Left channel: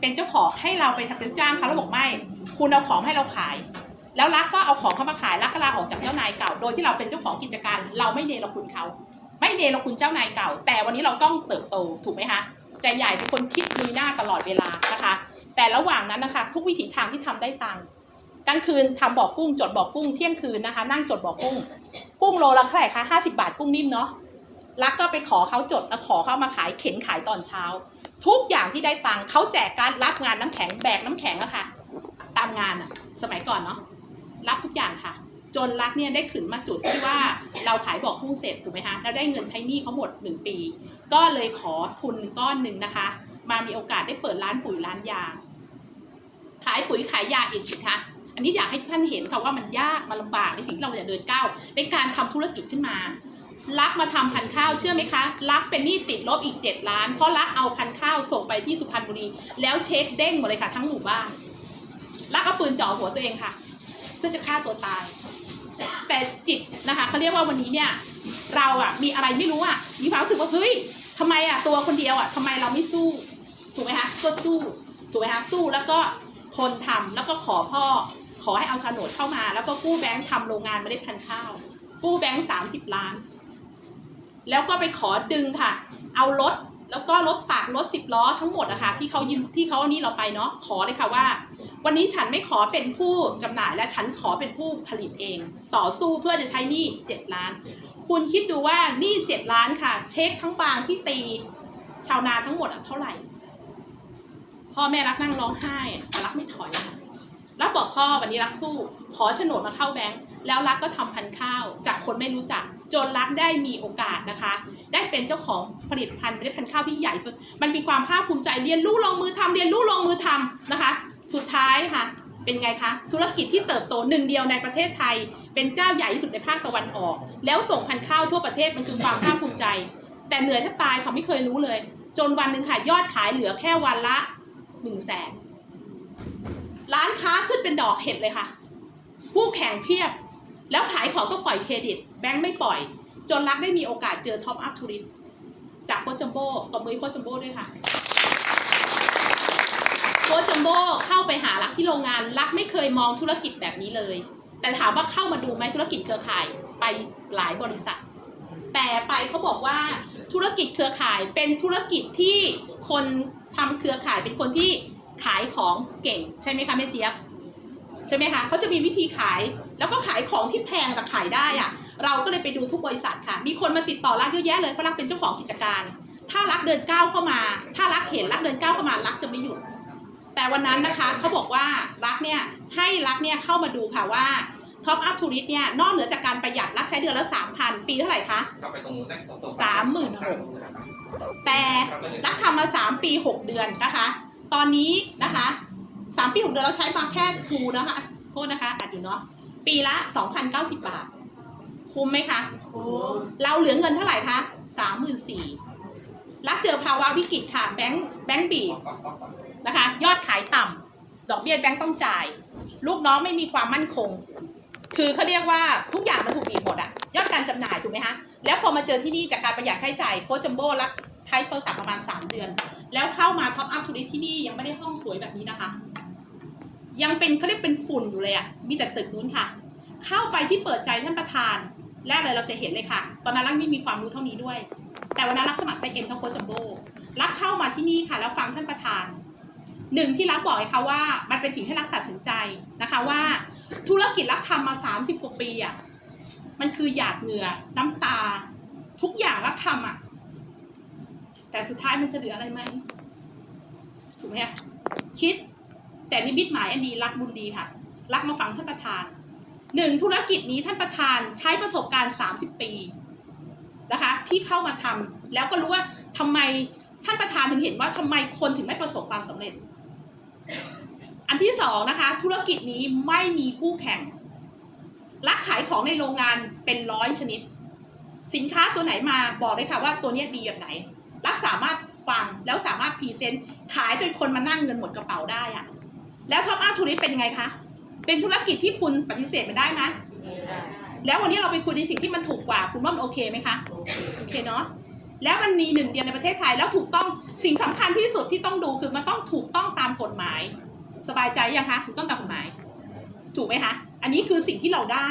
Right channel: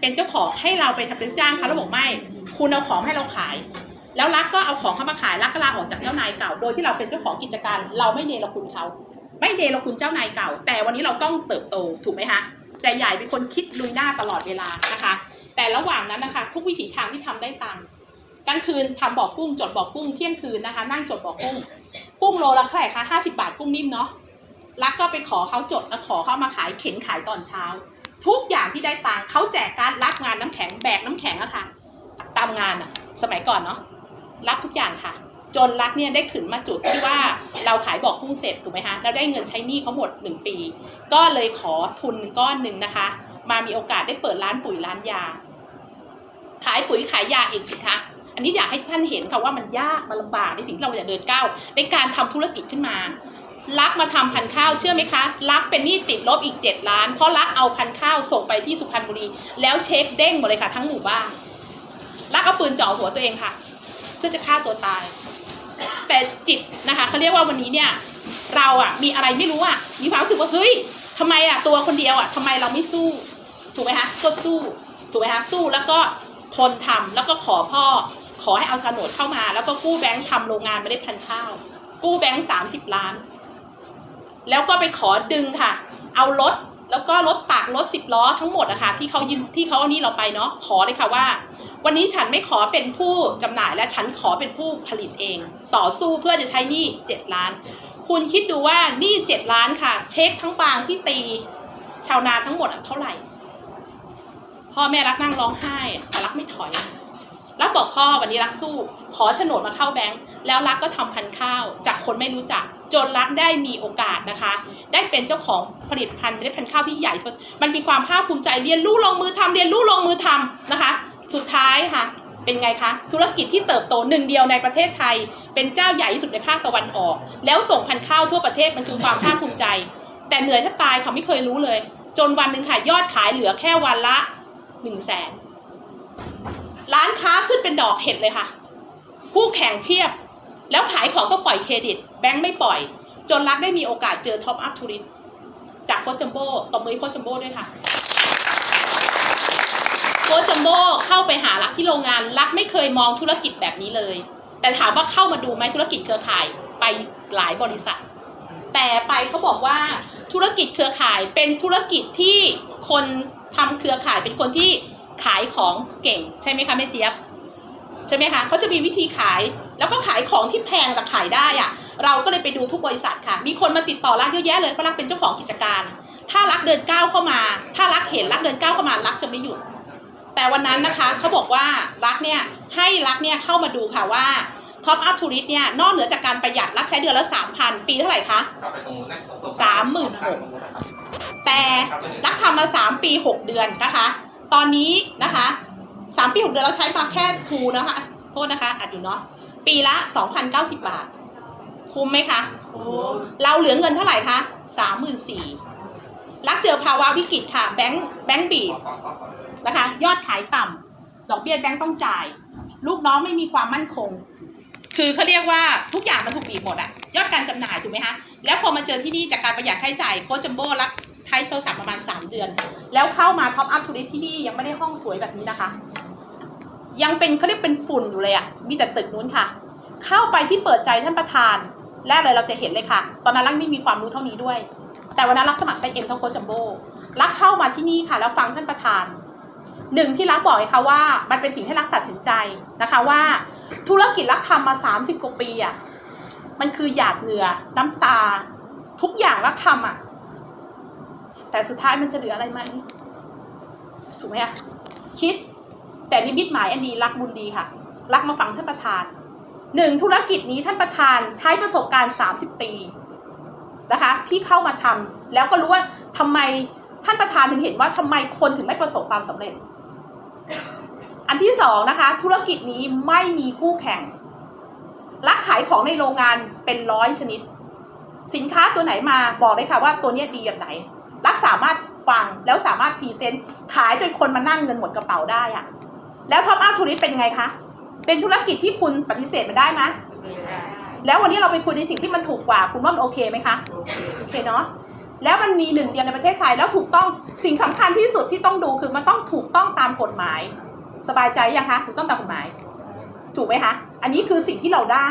เป็นเจ้าของให้เราไปทำเป็นจ้างเขาแล้วบอกไม่ คุณเอาของให้เราขาย แล้วรักก็เอาของเข้ามาขายรักก็ลาออกจากเจ้านายเก่า โดยที่เราเป็นเจ้าของกิจการ เราไม่เนรคุณเขา ไม่เนรคุณเจ้านายเก่า แต่วันนี้เราต้องเติบโตถูกไหมคะใจใหญ่เป็นคนคิดลุยหน้าตลอดเวลานะคะ แต่ระหว่างนั้นนะคะ ทุกวิถีทางที่ทำได้ตังค์กลางคืนทำบอกกุ้งจดบอกกุ้งเที่ยงคืนนะคะ นั่งจดบอกุ้ง กุ้งโลละเท่าไหร่คะห้าสิบาทกุ้งนิ่มเนาะ รักก็ไปขอเขาจดแล้วขอเขามาขายเข็นขายตอนเช้า ทุกอย่างที่ได้ตังค์เขาแจกการรับงานน้ำแข็งแบกน้ำแข็งอะค่ะ ตามงานอะสมัยก่อนเนาะรับทุกอย่างค่ะ จนรักเนี่ยได้ขึ้นมาจุดที่ว่าเราขายบอกกุ้งเสร็จถูกไหมคะแล้วได้เงินใช้หนี้เขาหมดหนึ่งปี ก็เลยขอทุนก้อนหนึ่งนะคะ มามีโอกาสได้เปิดร้านปุ๋ยร้านยา ขายปุ๋ยขายยาอีกสิคะอันนี้อยากให้ท่านเห็นค่ะว่ามันยากมันลำบากในสิ่งที่เราจะเดินก้าวในการทำธุรกิจขึ้นมา รักมาทำพันข้าวเชื่อไหมคะรักเป็นหนี้ติดลบอีก 7 ล้าน เพราะรักเอาพันข้าวส่งไปที่สุพรรณบุรี แล้วเช็คเด้งหมดเลยค่ะ ทั้งหมู่บ้านรักเอาปืนจ่อหัวตัวเองค่ะ เพื่อจะฆ่าตัวตาย แต่จิตนะคะเขาเรียกว่าวันนี้เนี่ยเราอะมีอะไรไม่รู้อะมีความรู้สึกว่าเฮ้ยทำไมอะตัวคนเดียวอะทำไมเราไม่สู้ ถูกไหมคะก็สู้ถูกไหมคะสู้แล้วก็ทนทำแล้วก็ขอพ่อ ขอให้เอาโฉนดเข้ามา แล้วก็กู้แบงค์ทำโรงงานเมล็ดพันธุ์ข้าว กู้แบงค์สามสิบล้าน แล้วก็ไปขอดึงค่ะ เอารถแล้วก็รถตักรถสิบล้อทั้งหมดอะคะที่เขายืมที่เขาเอานี่เราไปเนาะขอเลยค่ะว่า วันนี้ฉันไม่ขอเป็นผู้จำหน่ายและฉันขอเป็นผู้ผลิตเอง ต่อสู้เพื่อจะใช้หนี้เจ็ดล้าน คุณคิดดูว่าหนี้เจ็ดล้านค่ะ เช็คทั้งบางที่ตี ชาวนาทั้งหมดเท่าไหร่พ่อแม่รักนั่งร้องไห้แต่รักไม่ถอยรักบอกพ่อวันนี้รักสู้ ขอโฉนดมาเข้าแบงค์แล้วรักก็ทำพันข้าว จากคนไม่รู้จัก จนรักได้มีโอกาสนะคะ ได้เป็นเจ้าของผลิตภัณฑ์เมล็ดพันธุ์ข้าวที่ใหญ่ มันมีความภาคภูมิใจเรียนรู้ลงมือทำเรียนรู้ลงมือทำนะคะ สุดท้ายค่ะ เป็นไงคะ ธุรกิจที่เติบโตหนึ่งเดียวในประเทศไทย เป็นเจ้าใหญ่ที่สุดในภาคตะวันออก แล้วส่งพันธุ์ข้าวทั่วประเทศมันคือความภาคภูมิใจ แต่เหนื่อยแทบตายเขาไม่เคยรู้เลย จนวันหนึ่งค่ะยอดขายเหลือแค่วันละหนึ่งแสนร้านค้าขึ้นเป็นดอกเห็ดเลยค่ะ ผู้แข่งเพียบ แล้วขายของต้องปล่อยเครดิต แบงค์ไม่ปล่อย จนรักได้มีโอกาสเจอท็อปอัพทูริสจากโคจัมโบ้ตบมือโคจัมโบ้ด้วยค่ะโคจัมโบ้เข้าไปหารักที่โรงงานรักไม่เคยมองธุรกิจแบบนี้เลย แต่ถามว่าเข้ามาดูไหมธุรกิจเครือข่ายไปหลายบริษัท แต่ไปเขาบอกว่าธุรกิจเครือข่ายเป็นธุรกิจที่คนทำเครือข่ายเป็นคนที่ขายของเก่ง ใช่ไหมคะแม่เจี๊ยบ ใช่ไหมคะเขาจะมีวิธีขายแล้วก็ขายของที่แพงแต่ขายได้อะเราก็เลยไปดูทุกบริษัทค่ะ มีคนมาติดต่อรักเยอะแยะเลยเพราะรักเป็นเจ้าของกิจการ ถ้ารักเดินก้าวเข้ามา ถ้ารักเห็นรักเดินก้าวเข้ามารักจะไม่หยุด แต่วันนั้นนะคะเขาบอกว่ารักเนี่ยให้รักเนี่ยเข้ามาดูค่ะว่าท็อปอัพทูริสเนี่ยนอกเหนือจากการประหยัดรักใช้เดือนละสามพันปีเท่าไหร่คะกลับไปตรงนู้นนะตรงโซฟสามหมื่นหกแต่รักทำมาสามปีหกเดือนนะคะ ตอนนี้นะคะ สามปีหกเดือนเราใช้มาแค่ทูนะคะ โทษนะคะอัดอยู่เนาะปีละสองพันเก้าสิบบาท คุ้มไหมคะเราเหลือเงินเท่าไหร่คะสามหมื่นสี่รักเจอภาวะวิกฤตค่ะ แบงค์แบงค์บีบนะคะ ยอดขายต่ำดอกเบี้ยแบงค์ต้องจ่าย ลูกน้องไม่มีความมั่นคง คือเขาเรียกว่าทุกอย่างมันถูกบีบหมดอะยอดการจำหน่ายถูกไหมคะแล้วพอมาเจอที่นี่จากการประหยัดค่าใช้จ่ายโคชจัมโบ้รักใช้โทรศัพท์ประมาณ 3 เดือน แล้วเข้ามาท็อปอัพทูริสที่นี่ยังไม่ได้ห้องสวยแบบนี้นะคะ ยังเป็นเขาเรียกเป็นฝุ่นอยู่เลยอะมีแต่ตึกนู้นค่ะ เข้าไปที่เปิดใจท่านประธาน แรกเลยเราจะเห็นเลยค่ะ ตอนนั้นรักไม่มีความรู้เท่านี้ด้วย แต่วันนั้นรักสมัครไซเอ็มเท่าโคจัมโบรักเข้ามาที่นี่ค่ะ แล้วฟังท่านประธานหนึ่งที่รักบอกเลยค่ะว่า มันเป็นสิ่งให้รักตัดสินใจนะคะว่า ธุรกิจรักทำมา 30 กว่าปีอะมันคือหยาดเหงื่อน้ำตา ทุกอย่างรักทำอะแต่สุดท้ายมันจะเหลืออะไรไหมถูกไหมอะคิด แต่นิมิตหมายอันดีรักบุญดีค่ะ รักมาฟังท่านประธานหนึ่งธุรกิจนี้ท่านประธานใช้ประสบการณ์ 30 ปีนะคะที่เข้ามาทำแล้วก็รู้ว่าทำไมท่านประธานถึงเห็นว่าทำไมคนถึงไม่ประสบความสำเร็จ อันที่สองนะคะ ธุรกิจนี้ไม่มีคู่แข่ง รักขายของในโรงงานเป็นร้อยชนิด สินค้าตัวไหนมาบอกเลยค่ะว่าตัวนี้ดีแบบไหน รักสามารถฟังแล้วสามารถพรีเซนต์ขายจนคนมานั่งเงินหมดกระเป๋าได้อะ แล้วท็อปอัพทูริสเป็นยังไงคะ เป็นธุรกิจที่คุณปฏิเสธมันได้ไหมแล้ววันนี้เราไปคุยในสิ่งที่มันถูกกว่า คุณว่ามันโอเคไหมคะ โอเคเนาะ แล้วมันมีหนึ่งเดียวในประเทศไทยแล้วถูกต้องสิ่งสำคัญที่สุดที่ต้องดูคือมันต้องถูกต้องตามกฎหมาย สบายใจยังคะ ถูกต้องตามกฎหมาย ถูกไหมคะ อันนี้คือสิ่งที่เราได้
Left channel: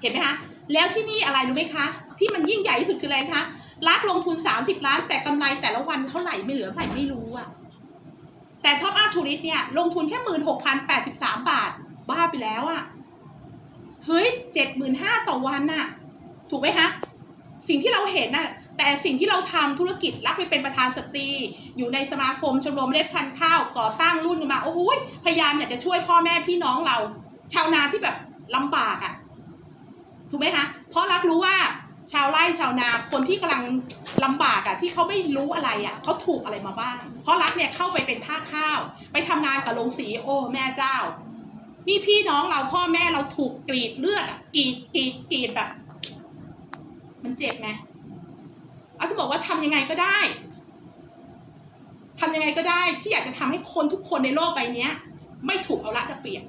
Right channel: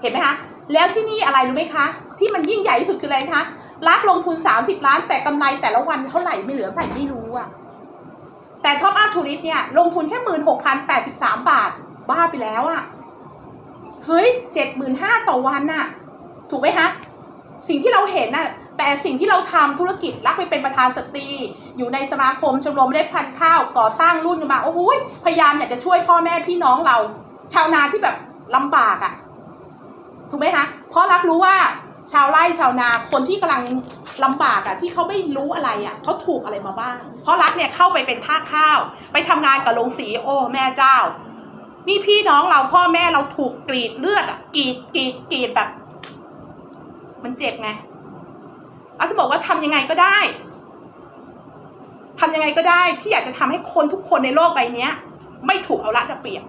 เห็นไหมคะ แล้วที่นี่อะไรรู้ไหมคะ ที่มันยิ่งใหญ่ที่สุดคืออะไรคะรัฐลงทุน 30 ล้านแต่กำไรแต่ละวันเท่าไหร่ไม่เหลือเท่าไหร่ไม่รู้อะ แต่ท็อปอาร์ทูริสเนี่ยลงทุนแค่หมื่นหกพันแปดสิบสามบาท บ้าไปแล้วอะเฮ้ยเจ็ดหมื่นห้าต่อวันน่ะ ถูกไหมคะสิ่งที่เราเห็นน่ะแต่สิ่งที่เราทำธุรกิจรักไปเป็นประธานสตรี อยู่ในสมาคมชมรมเมล็ดพันข้าวก่อตั้งรุ่นมาโอ้โหยพยายามอยากจะช่วยพ่อแม่พี่น้องเรา ชาวนาที่แบบลำบากอะ่ะ ถูกไหมคะเพราะรักรู้ว่า ชาวไร่ชาวนาคนที่กำลังลำบากอะ่ะที่เขาไม่รู้อะไรอะ่ะเขาถูกอะไรมาบ้าง เพราะรักเนี่ยเข้าไปเป็นท่าข้าว ไปทำงานกับโรงสีโอ้แม่เจ้า นี่พี่น้องเราพ่อแม่เราถูกกรีดเลือดอะ่ะกรีดกรีดกรีดแบบ มันเจ็บไงอาจะบอกว่าทำยังไงก็ได้ทำยังไงก็ได้ที่อยากจะทำให้คนทุกคนในโลกใบนี้ไม่ถูกเอารัดเอาเปรียบ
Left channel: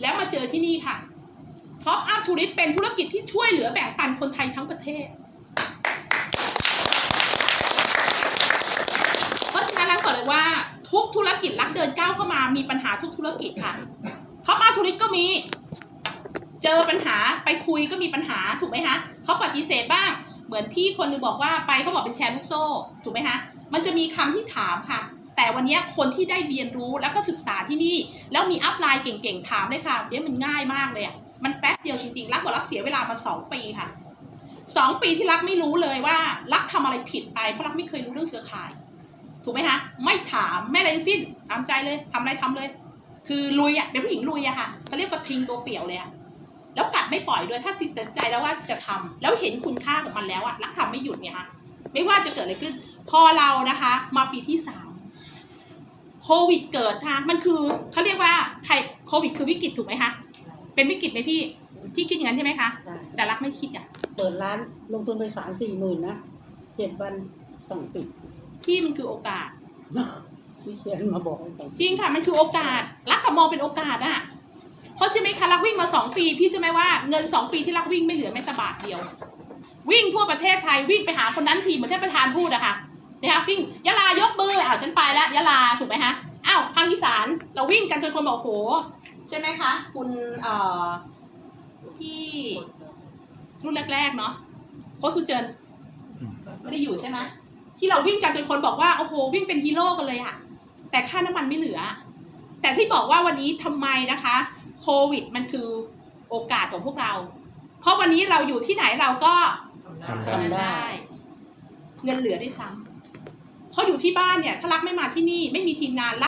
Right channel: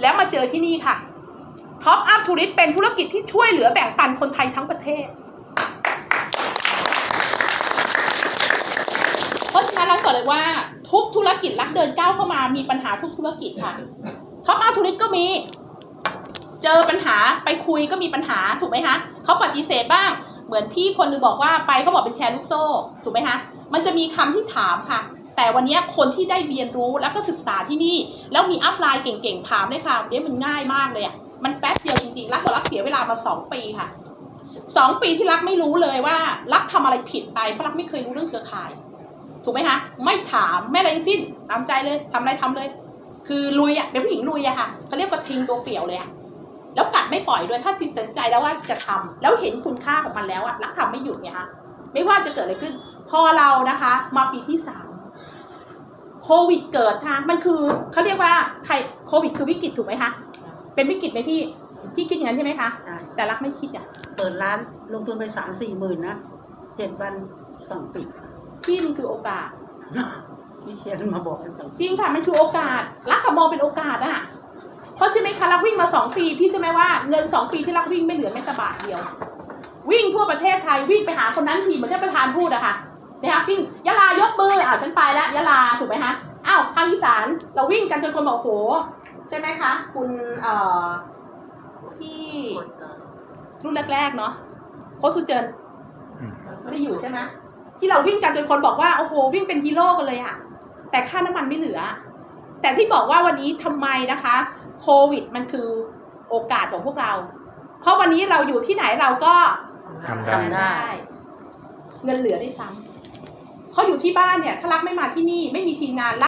แล้วมาเจอที่นี่ค่ะ ท็อปอัพทูริสเป็นธุรกิจที่ช่วยเหลือแบ่งปันคนไทยทั้งประเทศ เพราะฉะนั้นแล้วก็เลยว่าทุกธุรกิจรักเดินก้าวเข้ามามีปัญหาทุกธุรกิจค่ะท็อปอัพทูริสก็มี เจอปัญหาไปคุยก็มีปัญหาถูกไหมคะเขาปฏิเสธบ้าง เหมือนพี่คนนึงบอกว่าไปเขาบอกเป็นแชร์ลูกโซ่ถูกไหมคะมันจะมีคำที่ถามค่ะแต่วันนี้คนที่ได้เรียนรู้แล้วก็ศึกษาที่นี่ แล้วมีอัพไลน์เก่งๆ ถามเลยค่ะเดี๋ยวมันง่ายมากเลยอะ มันแป๊บเดียวจริงๆ รักบอกรักเสียเวลามาสองปีค่ะสองปีที่รักไม่รู้เลยว่า รักทำอะไรผิดไปเพราะรักไม่เคยรู้เรื่องเครือข่าย ถูกไหมคะไม่ถามไม่อะไรทั้งสิ้นตามใจเลยทำอะไรทำเลย คือลุยอะเป็นผู้หญิงลุยอะค่ะเขาเรียกว่าทิ้งตัวเปลี่ยวเลยอะแล้วกัดไม่ปล่อยด้วยถ้าติดใจแล้วว่าจะทำแล้วเห็นคุณค่าของมันแล้วอะรักทำไม่หยุดไงคะไม่ว่าจะเกิดอะไรขึ้น พอเรานะคะ มาปีที่สามโควิดเกิดค่ะมันคือเขาเรียกว่าใครโควิดคือวิกฤตถูกไหมคะ เป็นวิกฤตไหมพี่พี่คิดอย่างนั้นใช่ไหมคะใช่แต่รักไม่คิดอะเปิดร้านลงทุนไปสามสี่หมื่นนะเจ็ดวันสั่งปิดพี่มันคือโอกาส วิเชียนมาบอกให้สั่งจริงค่ะมันคือโอกาส รักกับมองเป็นโอกาสอะเพราะใช่ไหมคะรักวิ่งมาสองปี พี่ใช่ไหมว่าเงินสองปีที่รักวิ่งไม่เหลือแม้แต่บาทเดียว วิ่งทั่วประเทศไทยวิ่งไปหาคนนั้นทีเหมือนที่ประธานพูดอะค่ะนะคะวิ่งยะลายกมืออ่าวฉันไปแล้วยะลาถูกไหมคะอ้าวภาคอีสานเราวิ่งกันจนคนบอกโห ใช่ไหมคะ คุณเอ่อที่รุ่นแรกๆเนาะโค้ชสุเจินอืมไม่ได้อยู่ใช่ไหมที่เราวิ่งกันจนคนบอกว่าโอ้โหวิ่งเป็นฮีโร่กันเลยอะแต่ค่าน้ำมันไม่เหลือ แต่ที่บอกว่าวันนี้ทำไมนะคะ โควิดมันคือโอกาสของพวกเรา เพราะวันนี้เราอยู่ที่ไหนเราก็ทำได้ทำได้เงินเหลือด้วยซ้ำเขาอยู่ที่บ้านเนี่ย ถ้ารักไม่มาที่นี่ไม่มีทีมงานรัก